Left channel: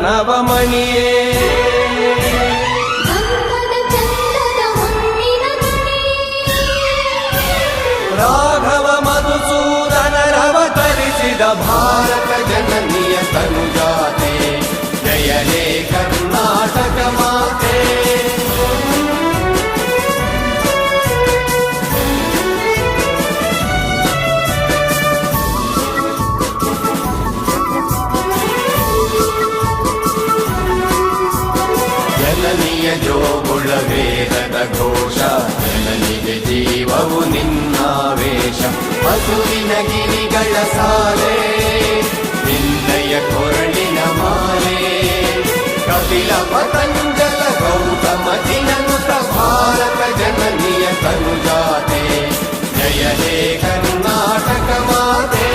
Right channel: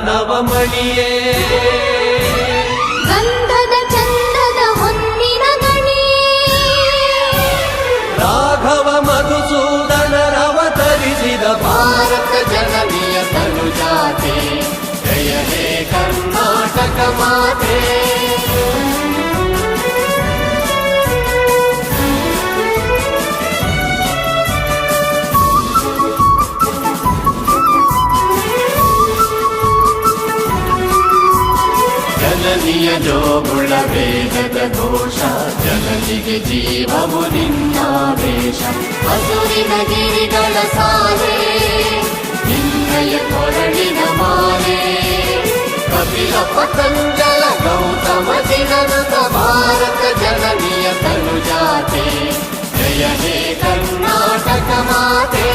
ನವಮಣಿಯೇ ಗಂಧದ ಚಂದದ ಹೊನ್ನಿನ ಗಣಿಯೇ ರಾಘವ ಮಧುಸೂದನರವತರಿಸಿದ ಭಾರತ ಜನನಿಯ ತನುಜಾತೆ ಜಯ ಹೇ ಕರ್ನಾಟಕ ಮಾತೆ ಜನನಿಯ ಜೋಗುಳ ವೇದದ ಘೋಷ ಜನನಿಗೆ ಜೀವವು ನಿನ್ನಾವೇಶ ಹಸುರಿನ ಗಿರಿಗಳ ಸಾಲೆ ನಿನ್ನಯ ಕೊರಳಿನ ಮಾಲೆ ಕಪಿಲ ಪತಂಜಲ ಗೌತಮ ಜಿನನುತ ಭಾರತ ಜನನಿಯ ತನುಜಾತೆ ಜಯ ಹೇ ಕರ್ನಾಟಕ ಮಾತೆ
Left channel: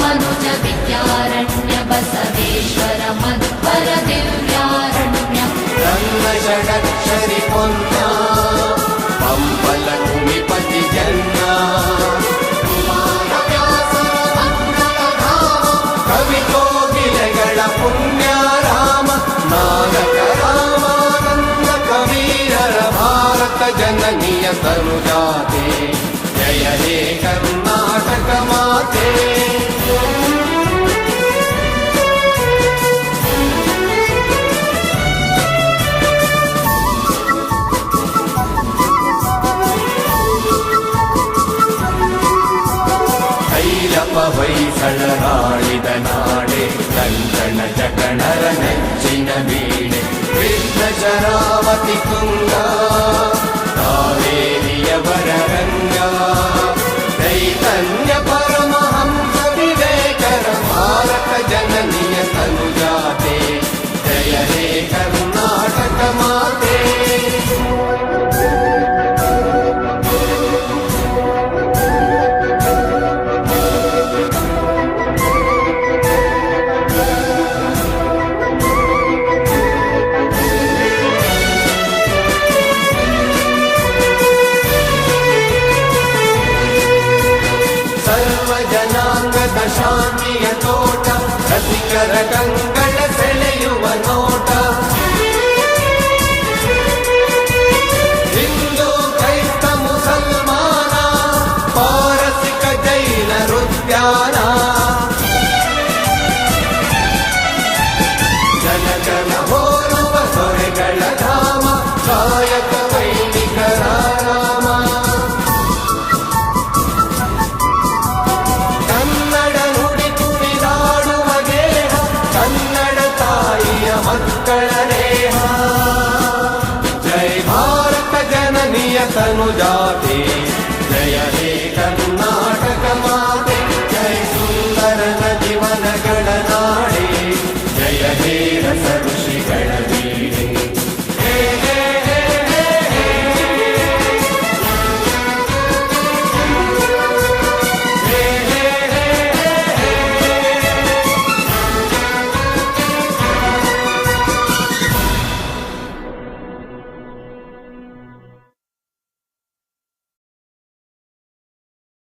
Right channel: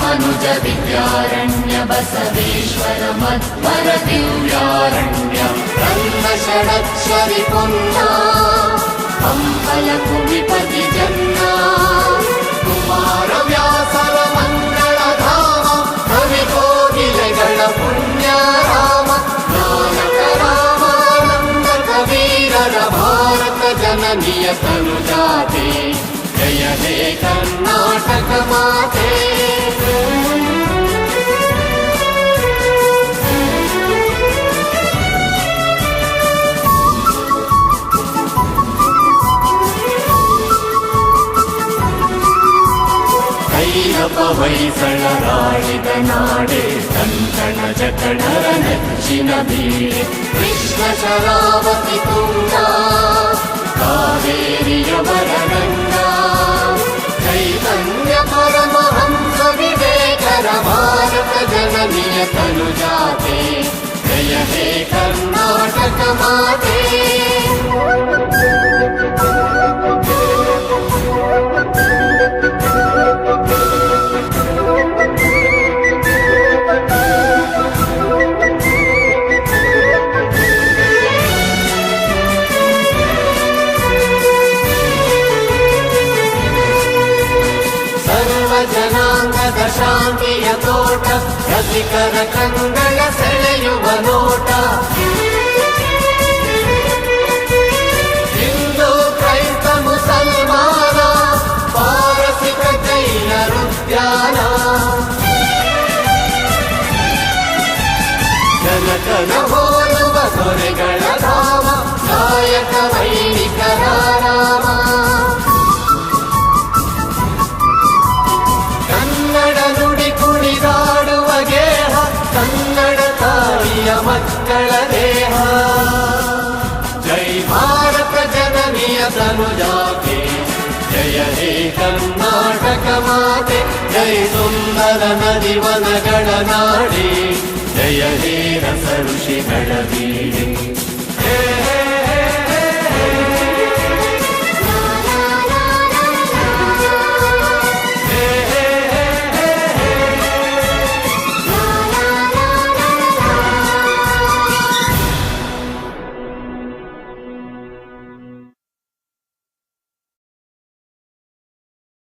ಮನುಜ ವಿದ್ಯಾರಣ್ಯ ಬಸವೇಶ್ವರ ಮಧ್ವರ ದಿವ್ಯಾರಣ್ಯ ಬ್ರಹ್ಮ ಷಡಕ್ಷರಿ ಪುನ್ನ ಕಂಬಲ ಕುವಿಪತಿ ಜನ್ನ ಕುಮಾರ ವ್ಯಾಸರ ಮಂಗಳ ಧಾಮ ಕವಿಗೋಗಿಲೆಗಳ ಪುಣ್ಯ ರಾಮ ನಾನಕ ರಾಮಾನಂದ ಕವೀರರ ಭಾರತ ಜನನಿಯ ತನುಜಾತೆ ಜಯ ಹೇ ಕರ್ನಾಟಕ ಮಾತೆ ಹೊಯ್ಸಳರಾಳಿದ ನಾಡೆ ಕನ್ನಡ ಜಟಣರ ನಚ್ಚಿನ ಬೀಡೆ ವಿಶ್ವ ಶರಾವತಿ ತುಂಗ